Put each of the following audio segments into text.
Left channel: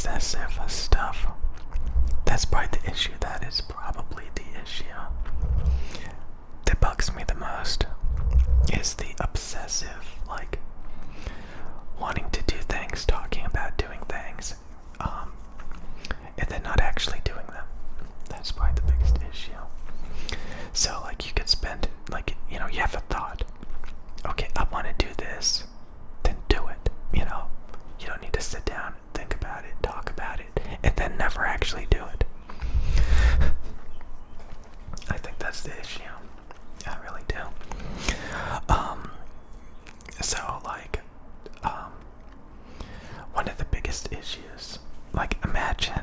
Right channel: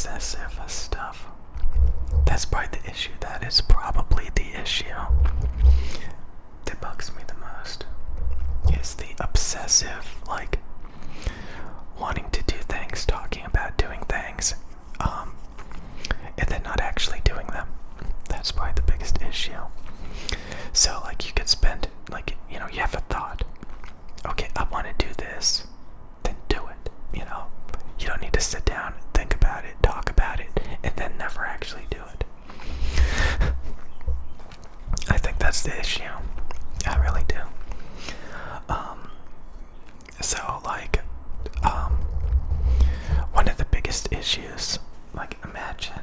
obsessive stuff. That's probably the issue. That is probably the issue that bugs me the most, is the obsessive, like, wanting to do things, talking about doing things, and then not actually doing them. That's probably the biggest issue. So, like, you could spend, like, you have a thought. Okay, I want to do this. Then do it, You don't need to sit down, think about it, talk about it, and then never actually do it. I think that's the issue. I really do. So, like, one of the biggest issues, like, imagine,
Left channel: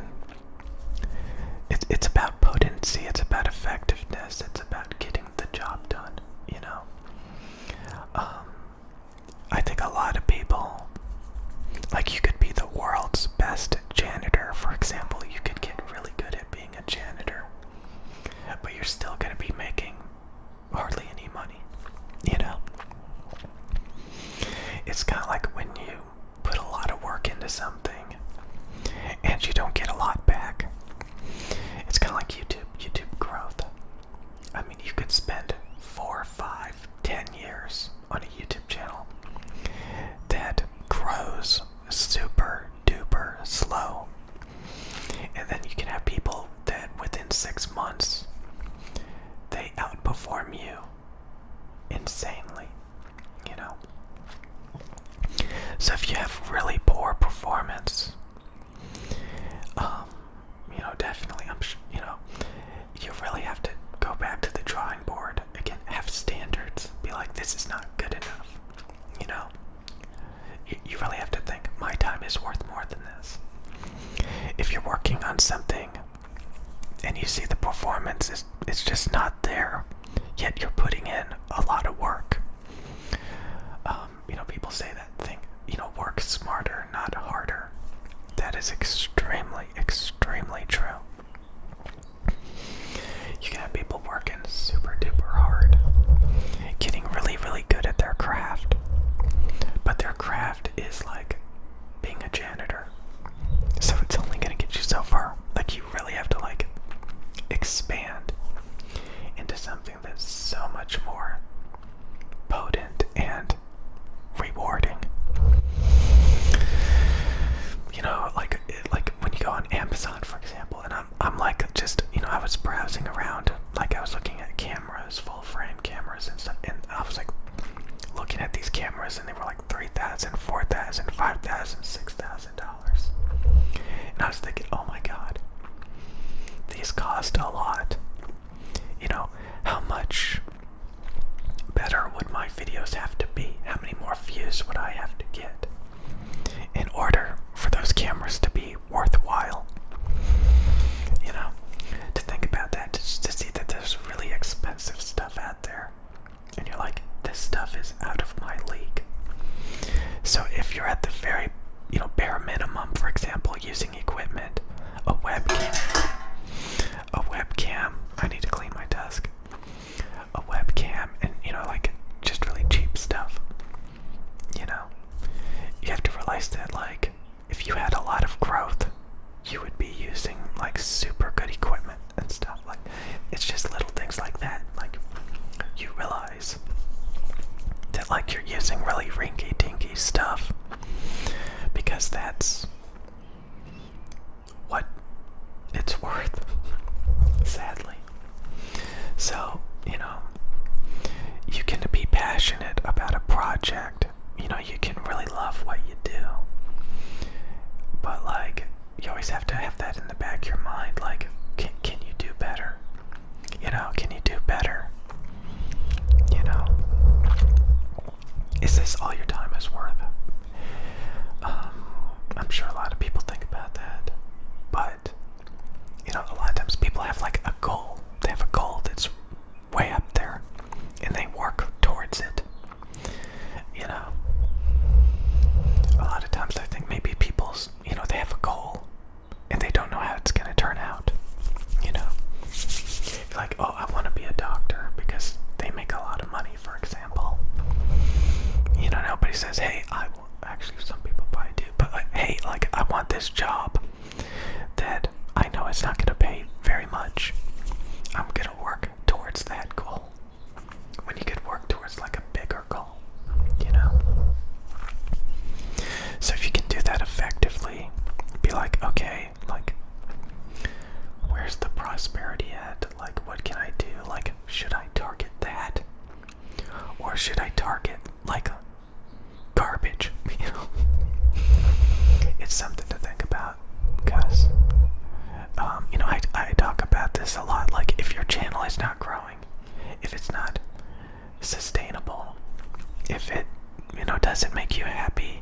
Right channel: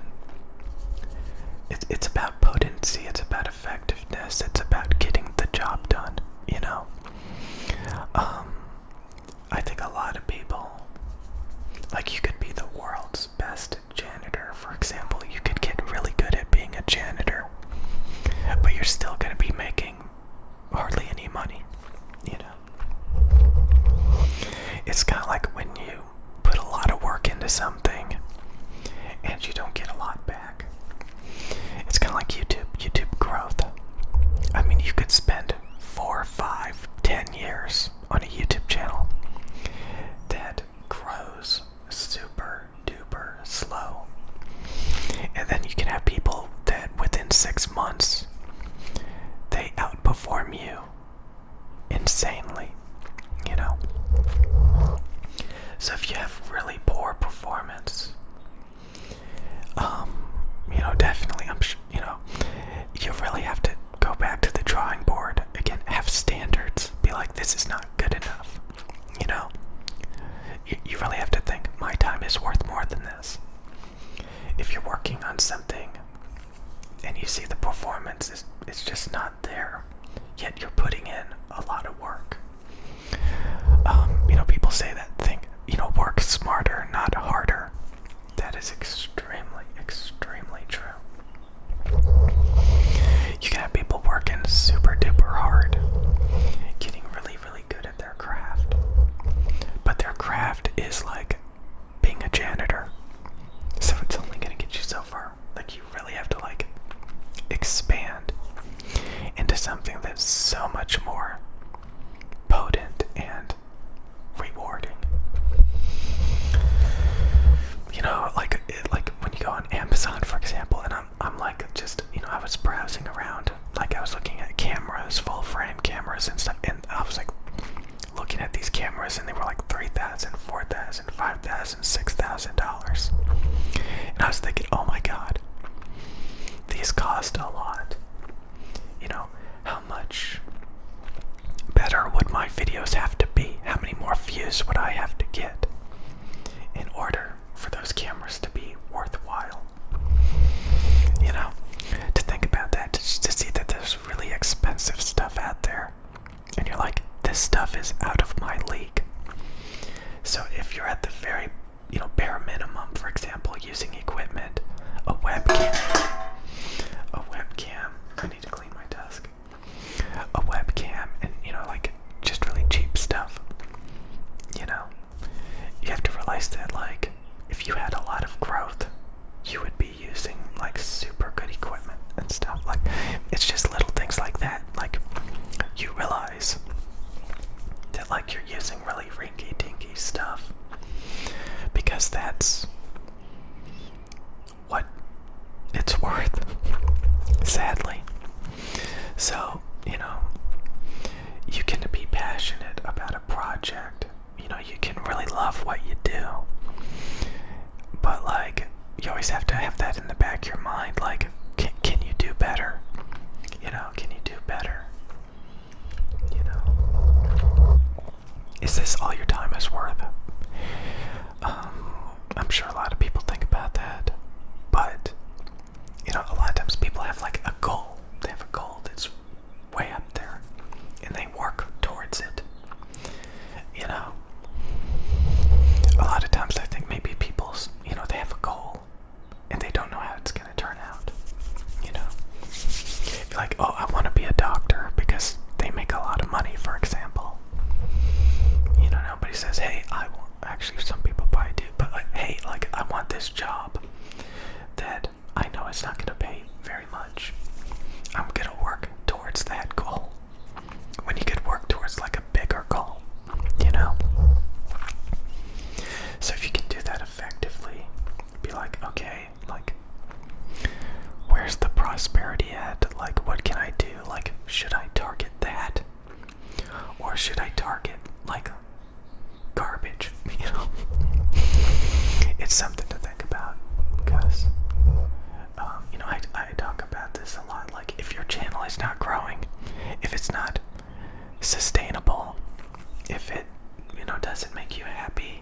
it's about potency, it's about effectiveness, it's about getting the job done, I think a lot of people, like, you could be the world's best janitor, for example. You could get really good at being a janitor, but you're still going to be making hardly any money, It's kind of like when you put a lot of work into something and you don't get a lot back. It's kind of like YouTube growth. I mean, you could spend 4, 5, 10 years on a YouTube channel that grows super duper slow. And then you can have people that within 6 months, they outperform you insanely, So if you have really poor performance, definitely, I'm sure, you really have to go back to the drawing board again, have standards, be like, this is not good enough, You really have to think, my time is worth more than this. If you're working on something and you see the performance it's just not there, yet you're putting in a lot of work. People say that thing, work smarter, not harder. That is extremely, extremely true. You can have people working super duper hard, getting really, really good at their craft. But their craft is like being a janitor. So it's only going to get you so far. Like, you really have to, like, expand into something that's so much more potent and rewarding. Like when you go on Amazon, for example, and I'm like, just, I was browsing around, like, I was looking at cameras, full frame cameras and stuff, and I was like looking at these cameras, and they were like $3,000, $4,000, $5,000, $6,000, and I was thinking, oh my god, these cost a lot. How much better would my videos have to be? How many more views would I have to get in order for those cameras to be worthwhile? To think about that, to see that there's really expensive stuff out there, and you're like, this stuff is out of my league. So if you're at the very, bare minimum, for example, using equipment, a webcam, I need to clean my desk, a webcam, and, like, just really cheap stuff, you have to realize that, like, if you had a lot of growth, you would be using, like, super good equipment and stuff. Like, it's just little things like that. Like, you realize that, like, you're using really rinky-dinky stuff because that's what it's worth, sadly. So, you can be passionate about a project. You can really love what you do. But, like, you always have to have that in the back of your mind. Like, can you do better? Can you do better? Is this all your time is worth? I'm sure a lot of people think about that. But, a lot of times people have, like, a goal. They have a goal that's way up there, and they work towards it. A lot of times I think maybe people, they have a goal and they don't know how it's going to turn out. Like, oh, I want to be a doctor because they make a lot of money, for example. Nobody says, hey, I want, actually some people probably do, but, like, hey, like, I want this job it's not going to pay very much. I'm going to work towards that goal. When you could work towards like a bigger goal, you know? So if you can do that effectively, be like, okay, like, where's the prosperity at? Like, what can I do? Like, should I target that? Or should I target, like, garbage? You know? It's something to think about, because, you know, I talk about this a lot. Like, if your channel is not growing, if it's not sustainable, if it, you know, doesn't make you happy,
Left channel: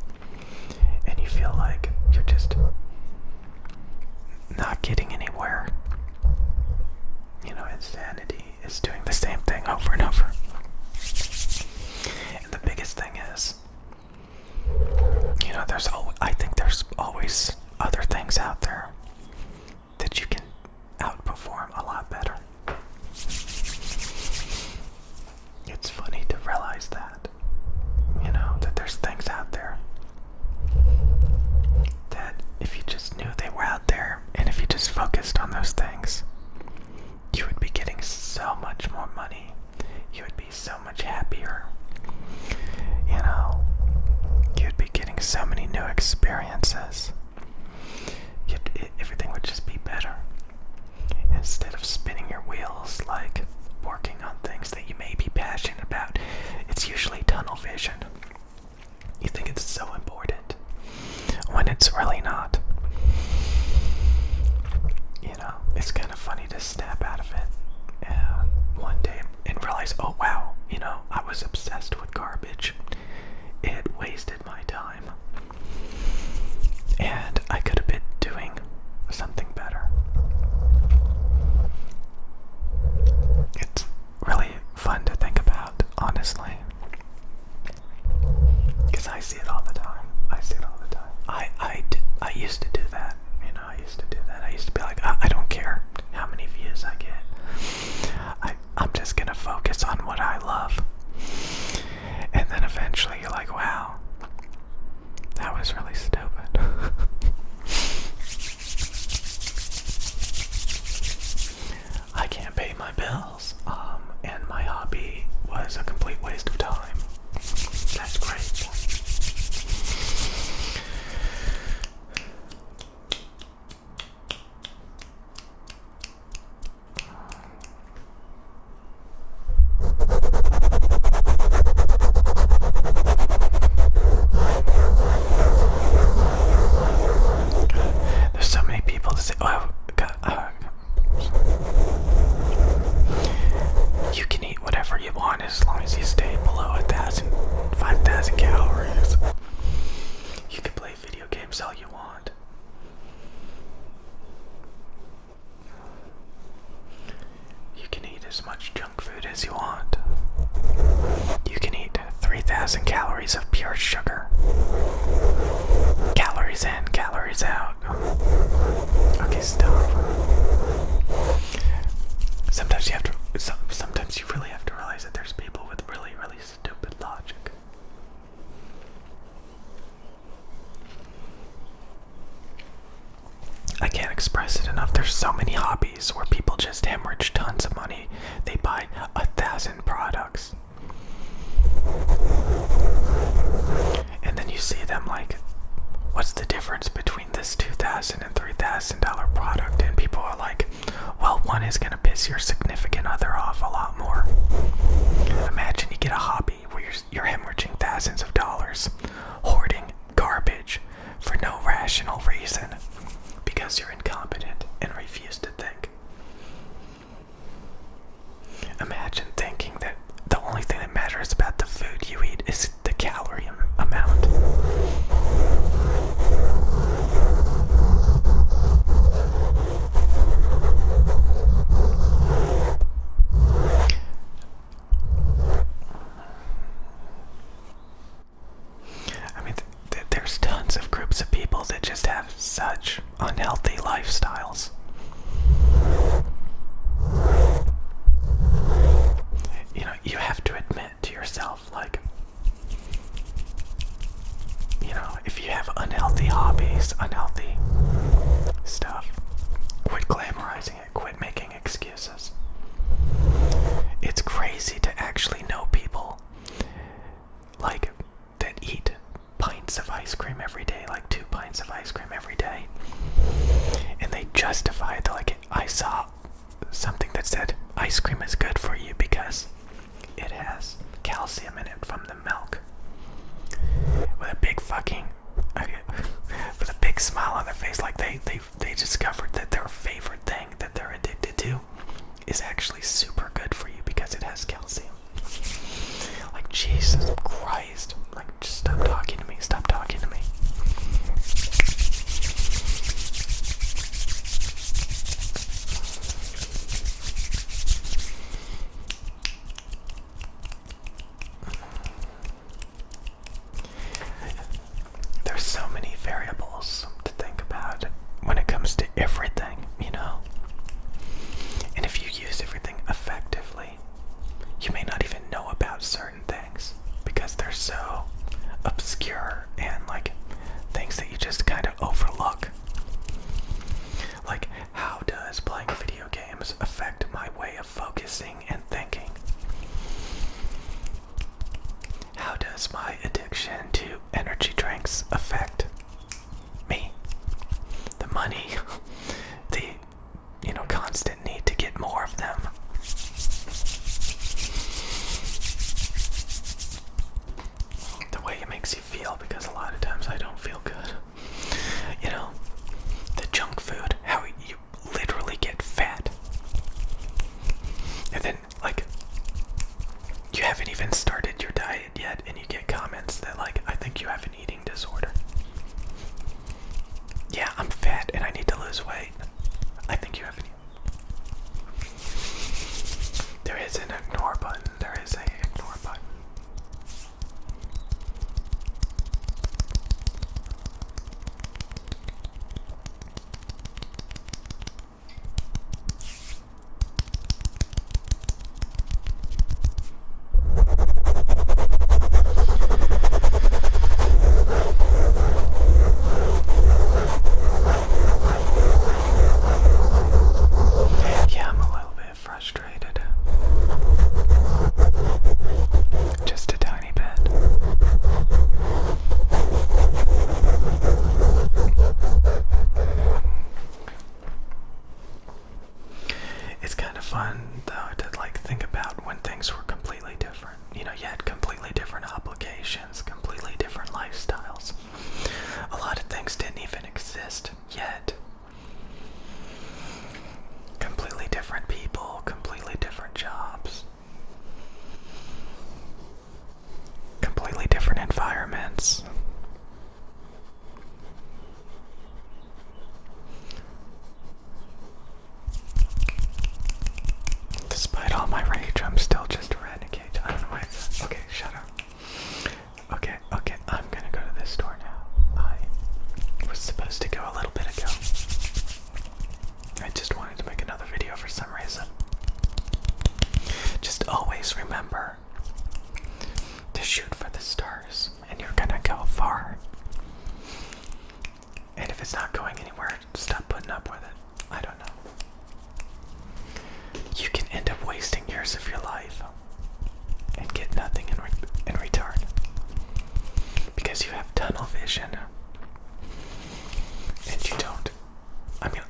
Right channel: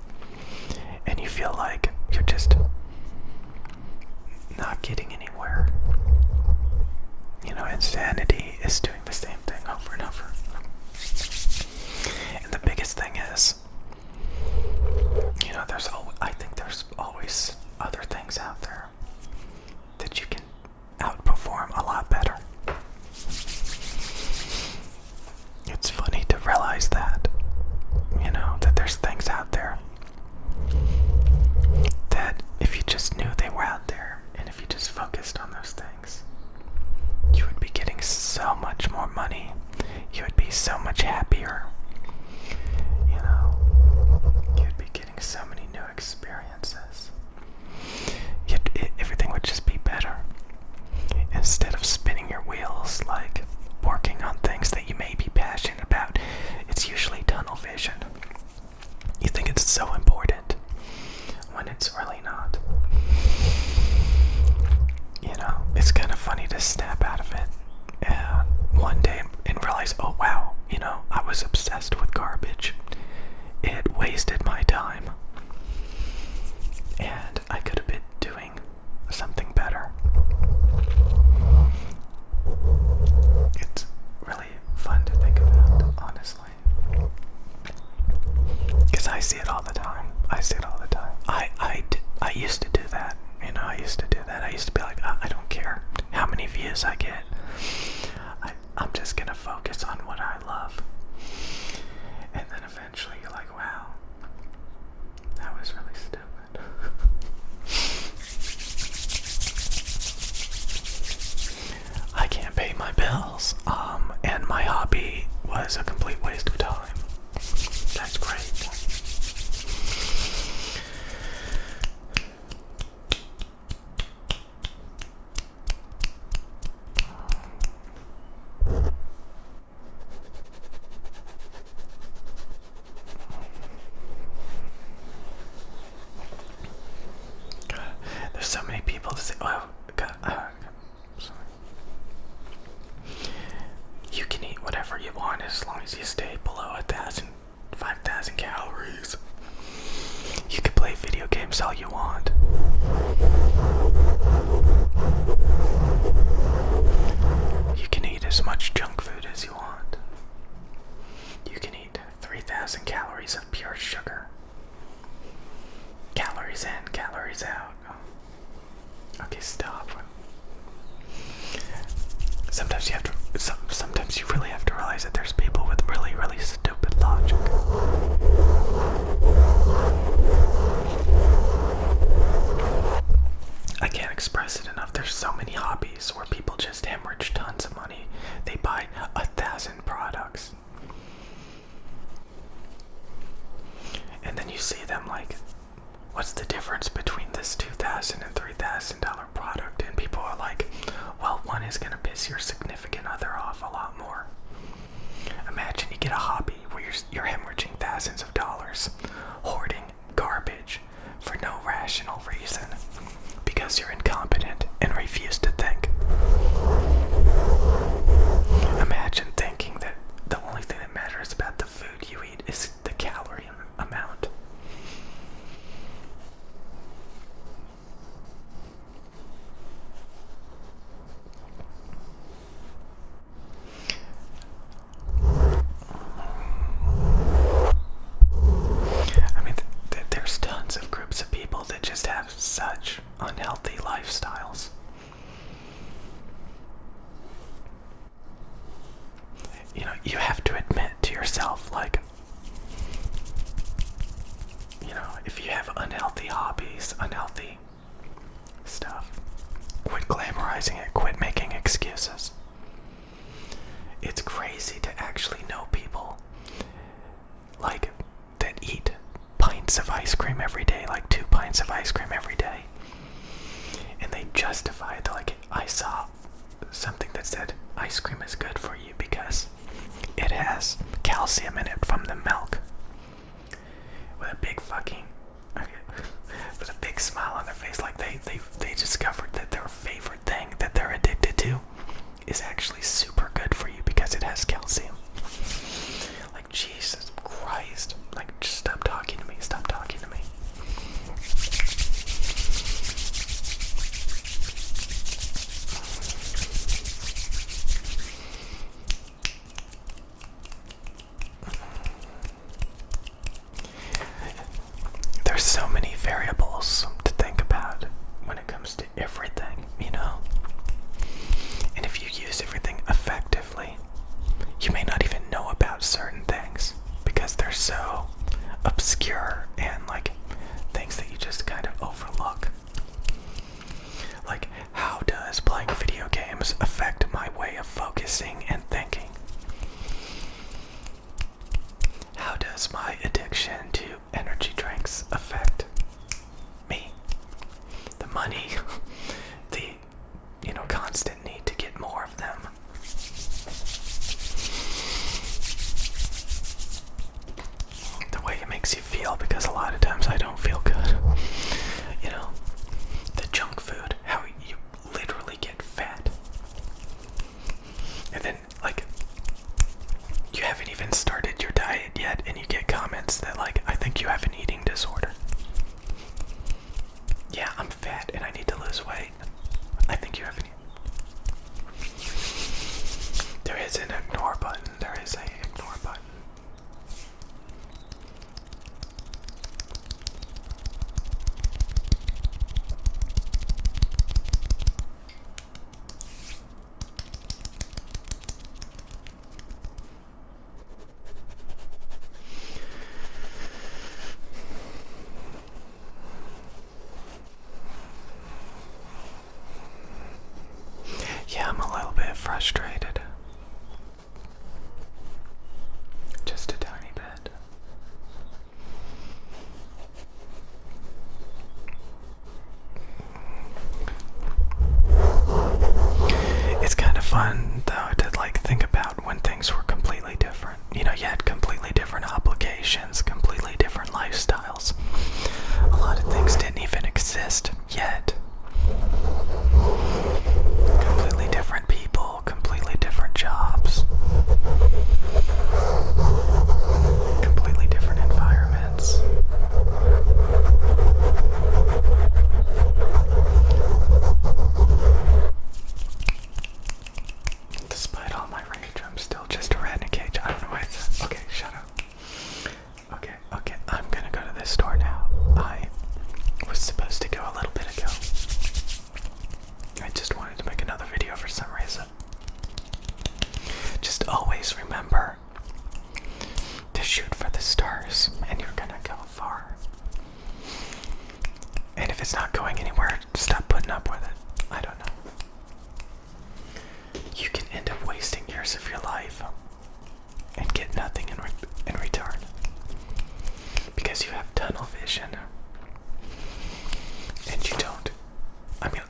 and you feel like you're just not getting anywhere, you know, insanity is doing the same thing over and over. And the biggest thing is, you know, I think there's always other things out there that you can outperform a lot better. It's funny to realize that, you know, that there's things out there that if you just knew they were out there, and if you just focused on those things, you would be getting so much more money. You would be so much happier. You know, you'd be getting so many new experiences. Everything would just be better. Instead of spinning your wheels, like working on things that you may be passionate about, it's usually tunnel vision. You think it's so important when it's really not. You know, it's kind of funny to snap out of it one day and realize, oh wow, you know, I was obsessed with garbage. It wasted my time. And I could have been doing something better. It's really fun to think about, honestly. Because I see it all the time. I used to do that. You know, I used to do that. I used to be like, I don't care how many views I get. I'm just gonna focus on what I love. And then eventually you're like, wow, that was really stupid. I can't pay my bills, and my hobby was a complete waste of time. That's great. There's so many people that say, oh, God, you can eat whatever you want as long as you stay below 5,000 calories. You can play video games all you want. You can eat as much junk food as you want. You can eat 3,000 calories of pure sugar. Calories in, calories out. Okay, stop. Sometimes you really have to realize that there's people with really, really stupid logic. I can't express it enough. There's so many hobbies where people just hemorrhage tons of money. They buy 1,000 products. And then you see them like, what's the difference between this $2,000 and $3,000 product? And people are like, well, one is going to piss your significant other off a lot more. Imagine you get a hobby where you're hemorrhaging thousands of dollars, hoarding garbage for no rational reason, because you're incompetent and refuse to think. Imagine thinking that the only thing that matters about the food you eat is the calorie amount. I mean, there's tons of groups of people that just have such unhealthy lifestyles. You know, you have to admit to yourself, like, you know, if you have unhealthy hobbies, unhealthy stuff, quit excuses. It's crazy to actually know people like that eat pints of ice cream every day, like 2 pints of ice cream every day, and they justify it. Like, I saw something that said ice cream is good for you because it has calcium in it from the milk. With a big fucking, with a big smile on their face, like they discovered that their favorite thing that they're addicted to is actually super good for you because it has calcium. Like, Jesus Christ. Like, just stop talking to me. Stop talking to me. There's so many variables to think about when it comes to everything, you know? And if you use everything effectively, you may not even know about certain things because they're so obscure and like things that you just kind of overlook. Like, how does playing video games affect my way of focusing and thinking? How does my addiction to energy drinks affect me? The money, the, constant need to get more of them. The way it makes you feel, because a lot of times I don't feel good. The junk food, how you literally get fat. And then, like, you haven't even started your diet yet, and you get comments that, like, I think you have an eating disorder. Yeah, I'm fat and I need to lose weight. I think you have an... There is an ignore button. There is a ignore button. Yeah, I'm a little bit frustrated. Just a tiny bit. It's kind of fun, though, to like think about when things were completely different. You had completely different obligations, completely different lifestyles. A lot of things didn't even exist yet. Completely different people, completely different jobs, completely different environments. Despite all my rage, I'm still just a rat in a cage. I don't know why I said. Okay, shut up. Okay, I'm gonna go to this store now. I was supposed to go a little bit ago. I just wanted to make another video for some reason. Just always remember to shoot for the stars, and you're gonna go far. And if it's not going anywhere, stop putting up with it. I don't know. You can end up wasting years of your life and get nothing in return because you have tunnel vision and you don't. I mean,